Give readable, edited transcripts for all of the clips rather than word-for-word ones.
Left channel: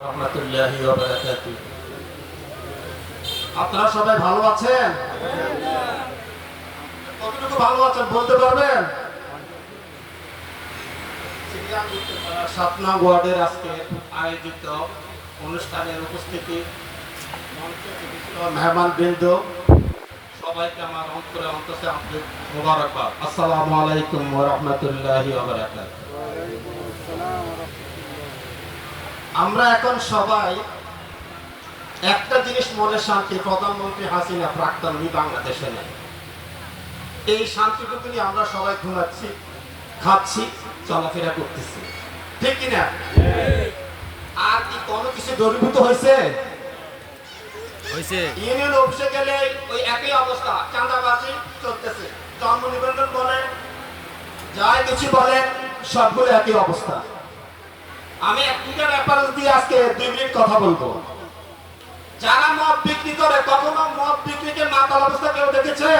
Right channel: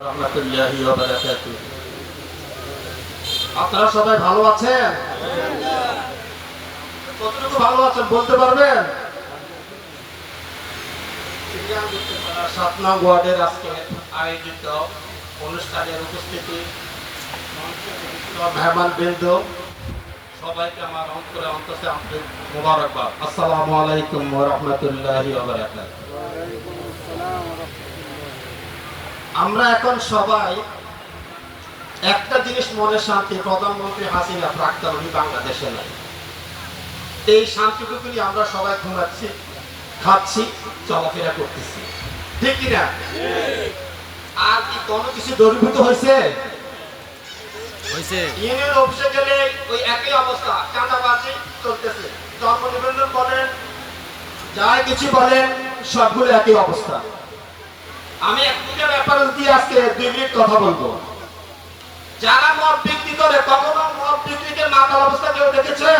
রাহমাতুল্লাহি ওয়া বারাকাতুহু। আপনারা সবাই ভালো আছেন? কতটুকু ভালো আছেন বলতে পারবেন? 7 নং ওয়ার্ডের আজকে আয়োজিত অনুষ্ঠানের উপস্থিতি মেহমানবৃন্দ সবাইকে আমার অন্তরে অন্তরে মোবারকবাদ। আসসালামু আলাইকুম ওয়া রাহমাতুল্লাহি ওয়া বারাকাতুহু। আমরা এখন সবাই একটা জিনিস মনে শান্তি, প্রধানমন্ত্রী হাসিনা প্রাক্তনী বাংলাদেশে নেই। এই শান্তিটুকু নিয়ে আমরা সবাই ঘুমাচ্ছি, খাচ্ছি, চলাফেরা করতেছি, ঠিক কিনা? আর কি কোনো কিছু দূরীভূত হয়েছে? ইউনিয়ন অফিসে গেলে ওই একই অবস্থা, চাঁদাবাজি চলতেছে, জন্ম নিবন্ধন বলেন, যাই কিছু বলেন, সবগুলো একই অবস্থা। আমি একটা ব্যাপার দিয়ে আজকে 2 মিনিট কথা বলবো। যারা মদ বিক্রি করে, কখনো মদ বিক্রিকে মাতাল অবস্থা কেউ দেখেছে?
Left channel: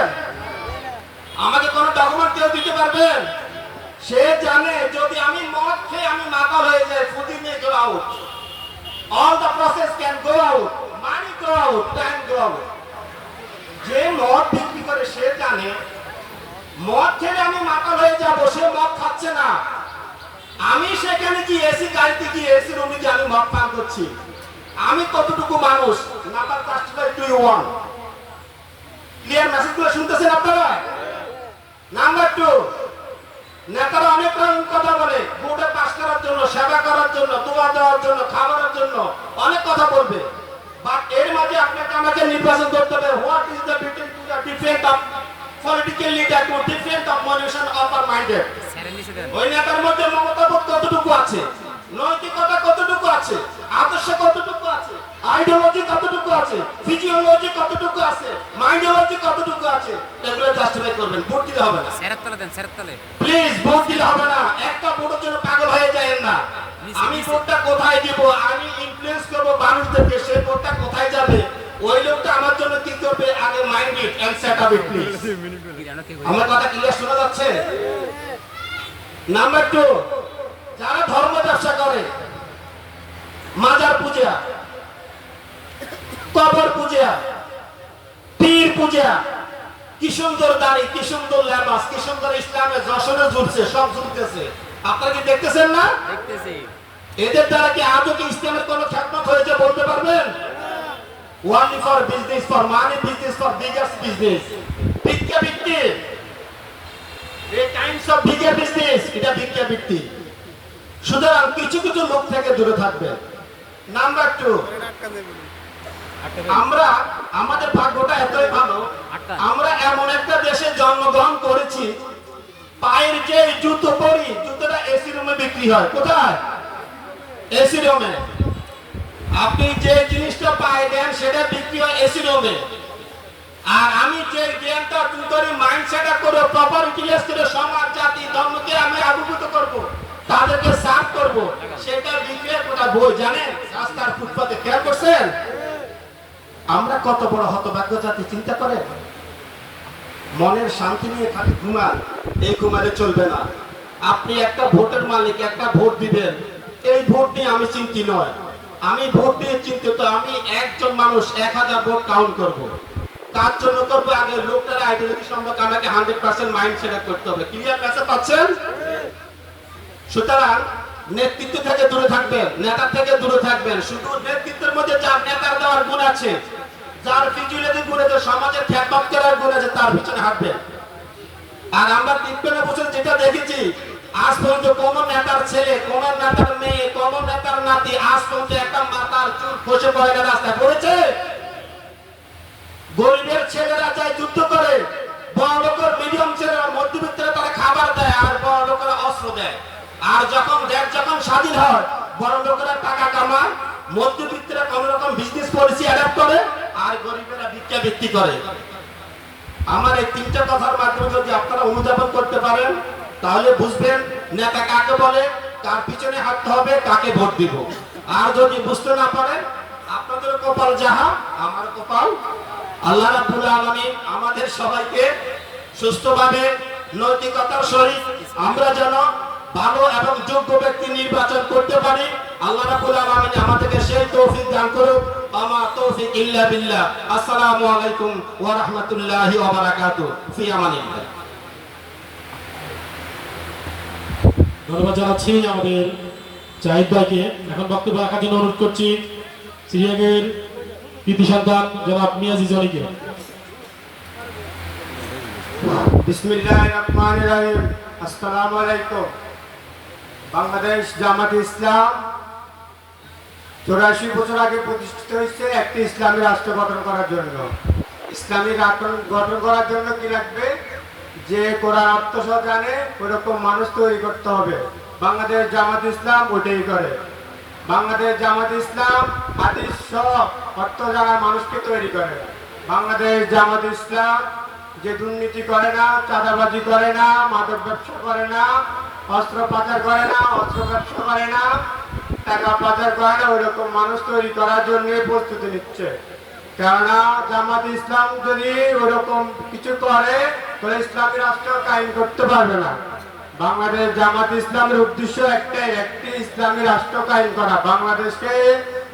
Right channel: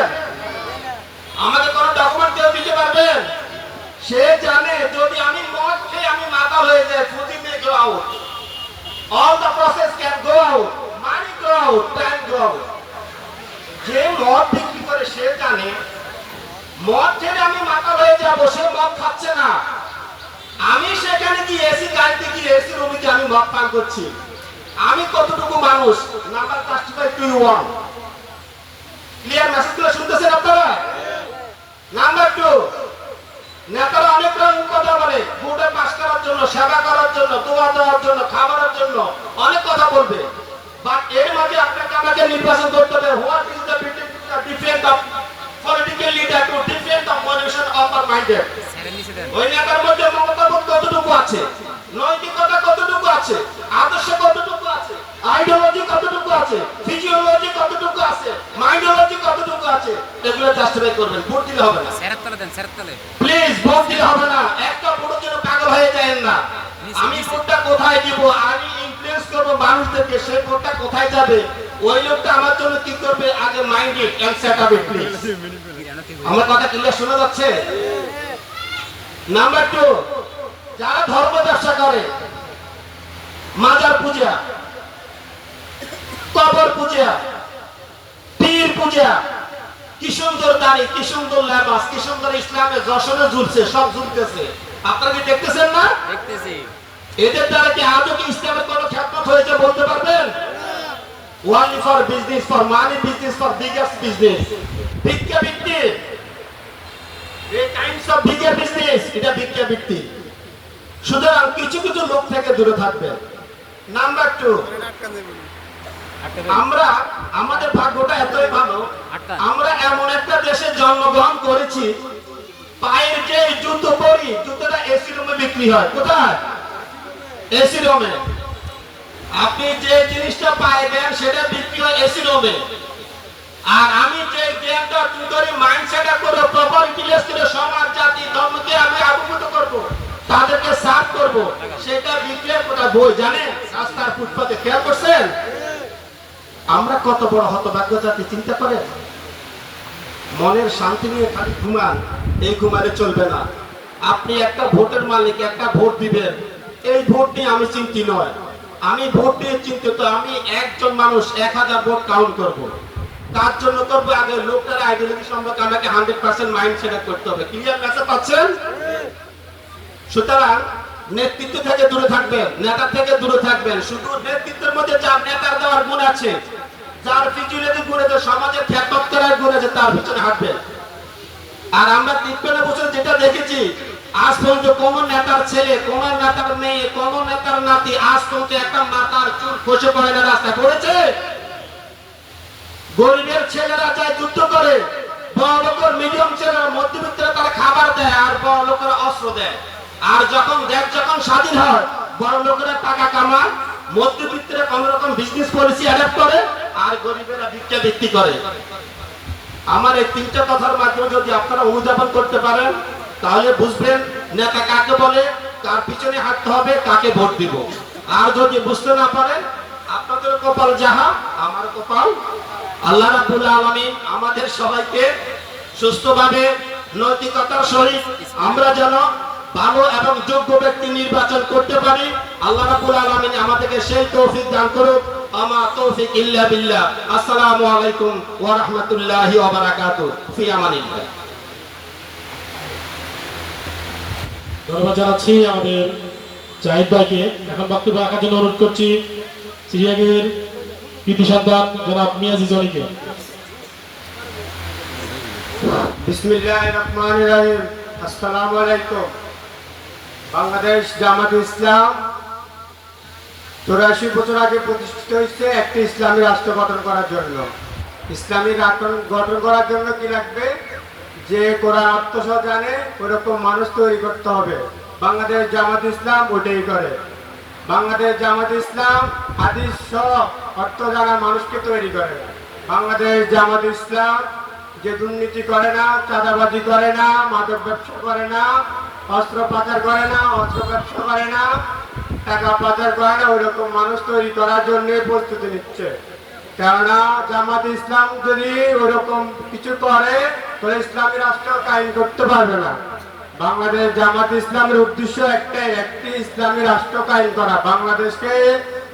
আমাকে কোনো ডকুমেন্ট কেউ দিতে পারবেন? সে জানে যদি আমি মদ খেয়ে আমি মাতাল হয়ে যাই, ফুদি may go out, all the process can go out, money go out, time go out. যে মদ বিক্রি করে সে জানে মদ খেলে আমি মাতাল হয়ে যাব, সে মদ খাচ্ছে না। আমি সেখানে কি এসি গাড়িতে কি এসি রুমে কি আমি মদ পান করছি? আমি কতটুকু মানুষ? Number justify to you one. Clear মেসেজগুলো শুনতেছেন আপনারা? নাম্বার 2, নেতারা অনেক রকম কথা বলে, ভোটে পাস করার জন্য, সেবা করার জন্য, দোয়া দেওয়ার জন্য, খাবারের জন্য অনেক কথা বলবে। বাট এর মাঝে আপনাকে আমাকে নির্বাচন করতে হবে। What is the different of political leader to different of pollution of আর মাইন্ডেড? ওই নেতার মধ্যে মমতাবোধ কতটুকু আছে, নৈতিকতা কতটুকু আছে, আদর্শ কতটুকু আছে, আইডিওলজি কতটুকু আছে, ফিজিওলজি কতটুকু আছে, মাইন্ডোলজি কতটুকু আছে, এগুলো জাস্টিফাই করবেন। ভোট দিলে হবে না, সেরাত তলে দেন, সেরাত তলে প্লিজ ভোট দিলে হবে না। একটা ভোটের জন্য পাগল হয়ে যাবেন না। আমি ভোটটা কোথায় দিব, আমি ইনফ্লুয়েন্স করব মানুষদেরকে, সেই ভোটটা কোথায় যাবে, ওই লোকটা আমার জন্য কি করবে, আগে mind it and set up it please. আমার কথা ক্লিয়ার শোনা যাচ্ছে? নাম্বার 2, যারা ধর্ম ব্যবসা করে, মাজার পূজা, কবর পূজা, পীর পূজা, কি সুন্দর দাড়ি, কি সুন্দর লেবাস, কি সুন্দর ইসলামে যশোরে ঝুলছে, সব ঝুলতেছে। আপনারা কি দেখতেছেন না? দেখতেছি। এদের দ্বারা কি আজও কি ইসলামের কোনো খ্যাতমত হয়েছে বলতে পারবেন? World for business, for money business, for biggest business, ভিক্ষা বৃত্তি, এই কাইন্ডস অফ ভিক্ষা বিজনেস, এটা ভিক্ষা বৃত্তি। সুতরাং কিছু কিছু লোক থেকে দূরে থাকবেন। নাম্বার 2, আমরা আমাদের ভাগ্যটা এতই ভালো, আমরা এমন একটা দেশে জন্মগ্রহণ করেছি, পায়ের যে জুতো পরি, জুতোটা এসি রুমে বিক্রি হয়। কোথায়? এসি রুমে। আপনি যে জিনিসটা পায়ে দেন সেটা বিক্রি হয় এসি রুমে। আর আমি যে জ্ঞানটা ধরে মাইন্ডসেট করে প্রপার ক্লিয়ার করে সমাজ জাতি ধর্মকে আমি অবগত করব, তাদেরকে সার্ভ করব, সেটা বিক্রির কথা বই জানেন রাস্তার ফুটপাতে খেয়াল করছেন? আমরা কত বড় হতভাগ্য জাতি চিন্তা করেন। মনের শান্তি নিয়ে খালি ঘুমান, এই ঘুমালে চলবে না। আপনি একটা ভোটের মালিক, একটা ভোট দিবেন, এই ভোট নিয়ে আমি চিন্তি নয়, আমি ভোট নিয়ে চিন্তিত। আমি একজন মানুষ 1000 ভোট কাউন্ট করব, তার জন্য করবে আগে লোকটার আইডিওলজি সম্পর্কে আমাকে 100% মাইন্ড সেট করতে হবে। ক্লিয়ার মেসেজ পাচ্ছেন? সুতরাং নেতৃত্ব থেকে দূরে থাকবেন, নেতা থেকে দূরে থাকবেন। শুধু নেতৃত্বের মধ্যে যার নেতার দেওয়ার গুণ আছে, যার ফিজিওলজি গুণ আছে, সমাজের খ্যাতমত করার গুণ আছে, তার পিছনে হাঁটবেন। আর আমরা 53 বছর যেটা দেখেছি, আজ পর্যন্ত কোন নেতার ছেলে, কোন নেতার মেয়ে, কোন নেতার নাতি আজ পর্যন্ত একটা মাথার চুল খসে পড়ে না, রাস্তায় পড়েছে? গরিবের ছেলেরা যায় যুদ্ধ করে, বড় লোকের মিডিয়াম ছেলেরা মধ্যবিত্তরা তারা খাবার দেয়, আর বড় লোকেরা অস্ত্র দেয়। আর যখন দেশ যখন স্বাধীন হয়, বড় লোকেরা টাকা কামায়, মধ্যবিত্তরা কোন রকম বিজনেস পলিসি অ্যাডাপ্ট করে, আর গরিবেরা ভিক্ষা বৃত্তি করে। আমার এই 3টা কথার মাধ্যমে যদি আপনারা অনুধাবন করতে পারেন, তাহলে বুঝবেন নেতা কাকে বলে, তার পিছনে হাঁটতে হবে, কাকে ভোট দিব। আর যদি বুঝতে না পারেন, আপনাদের কপাল যাহা, আমার কপাল। আল্লাহ রাব্বুল আলামিন আমাদের সবাইকে সুস্থভাবে নৈতিকতার সহিত আমরা যেন ভালো এবং যোগ্য ব্যক্তি নির্বাচন করতে পারি। আল্লাহ রাব্বুল আলামিন আমাদেরকে সেই তৌফিক দান করুক। আমা তৌফিক ইল্লা বিল্লাহ। আসসালামু আলাইকুম ওয়া রাহমাতুল্লাহি ওয়া বারাকাতুহু। ফি আমানিল্লাহ। ধন্যবাদ জানাচ্ছি আমাদের জাহিদ ভাইকে। এখন বক্তব্য রাখার জন্য অনুরোধ করছি সিরিয়াগের কৃতি সন্তান জনাব মিয়াজি জনিকে। বিসমিল্লাহির রহমানির রহিম। আসসালামু আলাইকুম। বাংলাদেশ জামাত ইসলাম 84 বছর আগে প্রতিষ্ঠিত হয়েছে একটি ইসলামী রাষ্ট্র গঠন করার জন্য। ইসলামী রাষ্ট্র গঠন করার জন্য কি লাগবে? যে কোরআন অর্থ সহ জানে ওরকম মানুষ তৈরি করতে হবে। বাংলাদেশ জামাত ইসলাম ওটাই করে। বাংলাদেশ জামাত ইসলাম হাদিস সহ অর্থ জানার মানুষকে তৈরি করে। বাংলাদেশ জামাত ইসলাম যে দুর্নীতি করে না, চাঁদাবাজি করে না, মাদক ব্যবসা করে না, অস্ত্র পাচার করে না, অস্ত্র ব্যবসা করে না, টাকা পাচার করে না, ওইরকম মানুষ তৈরি করার জন্য প্রস্তুতি নিচ্ছে। কেননা জামাত ইসলাম যদি ওইরকম কিছু করে তাহলে ইসলামী রাষ্ট্র কায়েম করতে পারবে না। বাংলাদেশ জামাত ইসলামের উদ্দেশ্য একটাই, একটি ইসলামী রাষ্ট্র কায়েম করা। বাংলাদেশকে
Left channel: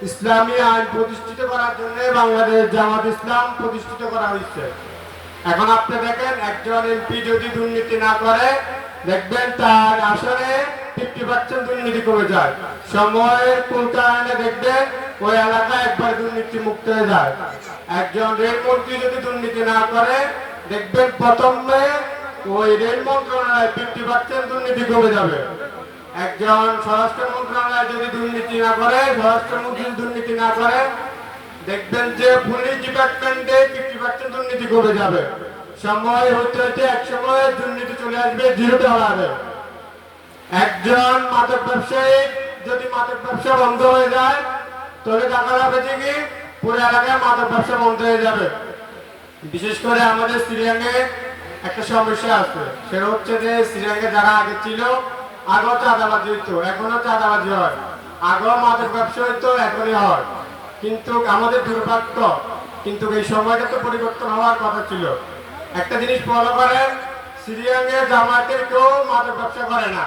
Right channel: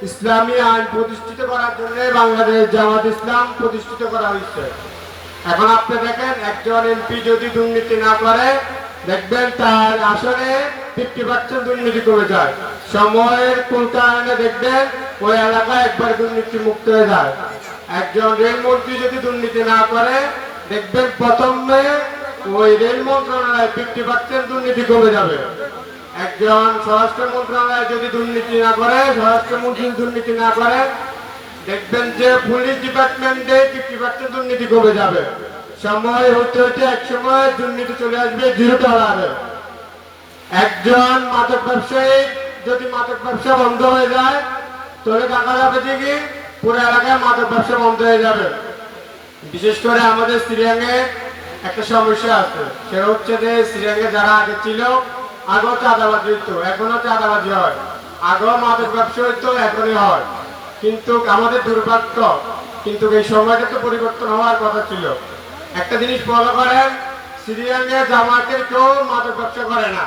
ইসলামী আইন প্রতিষ্ঠিত করার জন্য বাংলাদেশ জামাত ইসলাম প্রতিষ্ঠিত করা হয়েছে। এখন আপনি দেখেন, একজন এমপি যদি দুর্নীতি না করে, দেখবেন তার আসলে 50% দুর্নীতি কমে যায়। সময়ের কোটায়নে দেখবেন ওই এলাকা একবার দুর্নীতি মুক্ত হয়ে যায়। একজন রেলমন্ত্রী যদি দুর্নীতি না করে, দেখবেন প্রথমে ওই রেল মন্ত্রণালয় 50% দুর্নীতি কমে যাবে। একজন স্বরাষ্ট্র মন্ত্রণালয় যদি দুর্নীতি না করে, স্বরাষ্ট্রমন্ত্রী দুর্নীতি না করে, দেখবেন যে পুলিশ ডিপার্টমেন্টে 50% দুর্নীতি কমে যাবে। সময় হতে হতে এক সময় দুর্নীতি চলে আসবে $0। একজন মাদক ব্যবসায়ী যদি মাদক ব্যবসা বন্ধ হয়ে যায়, তাহলে দেখা যাবে যে কি পুরো এলাকায় মাদক ব্যবসা বন্ধ হয়ে যাবে। বিশেষ করে আমাদের সিরিয়াঙ্গে একটা সমস্যা আছে, সেটা হচ্ছে যে সিরিয়াঙ্গে যারা আগে ছিল, আগেও চাঁদাবাজি হইতো, এখনো চাঁদাবাজি হয়। আগেও মাদক ব্যবসা হইতো, এখনই হয়। কিন্তু আমাদের দুর্ভাগ্য, কিন্তু এই সময়টা তো পরিবর্তন হওয়ার কথা ছিল। একটা জিনিস ফলো করেন, সিরিয়াঙ্গে জামাতের কেউ মাদক ব্যবসা করে না,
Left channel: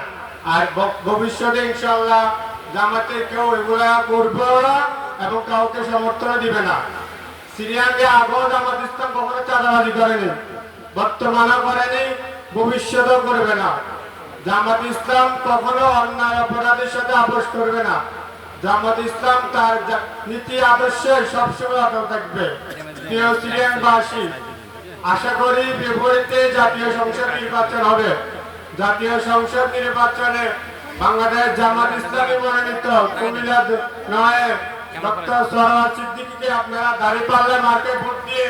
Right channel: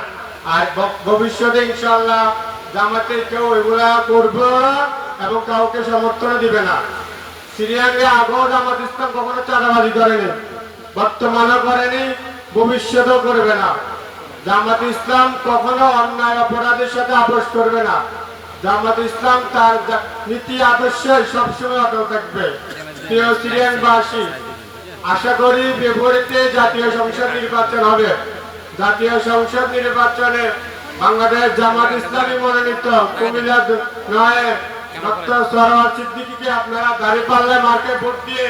আর ভবিষ্যতে ইনশাআল্লাহ জামাতের কেউ এগুলা করবে এবং কাউকে সমর্থন দিবে না। সিরিয়াঙ্গে আগেও জামাত ইসলাম কখনো চাঁদাবাজি করেনি, বর্তমানেও করেনি, ভবিষ্যতেও করবে না। জামাত ইসলাম কখনো অন্যায় অপরাধের সাথে আপোষ করবে না। জামাত ইসলাম তার নীতি আদর্শে সবসময় অটল থাকবে। প্রিয় সিরিয়ানবাসী, আশা করি ফেব্রুয়ারিতে জাতীয় সংসদ নির্বাচন হবে। জাতীয় সংসদ নির্বাচনে বাংলাদেশ জামাত ইসলামী মনোনীত কুমিল্লা 9 ডক্টর সরোয়ার সিদ্দিকীকে আপনারা দাঁড়িপাল্লা মার্কে ভোট দিয়ে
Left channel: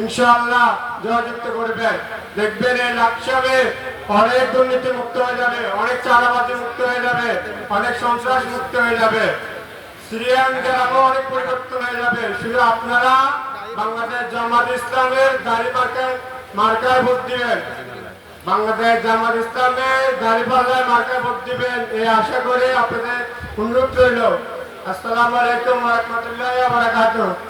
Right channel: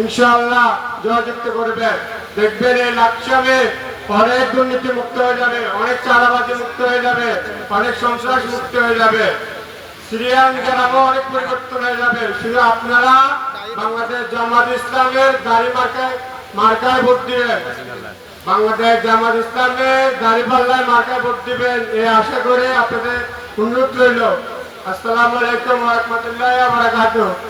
ইনশাআল্লাহ জয়যুক্ত করবেন। দেখবেন এই লাকসামে অনেক দুর্নীতি মুক্ত হয়ে যাবে, অনেক চাঁদাবাজি মুক্ত হয়ে যাবে, অনেক সন্ত্রাস মুক্ত হয়ে যাবে, সিরিয়ান গ্রামে অনেক পরিবর্তন হয়ে যাবে। শুধু আপনারা বাংলাদেশ জামাত ইসলামের মার্কায় ভোট দিবেন, বাংলাদেশ জামাত ইসলামের দাঁড়িপাল্লায় মার্কায় ভোট দিবেন, এই আশা করে আপনাদের অনুরোধ রইল। আসসালামু আলাইকুম ওয়া রাহমাতুল্লাহি ওয়া বারাকাতুহু।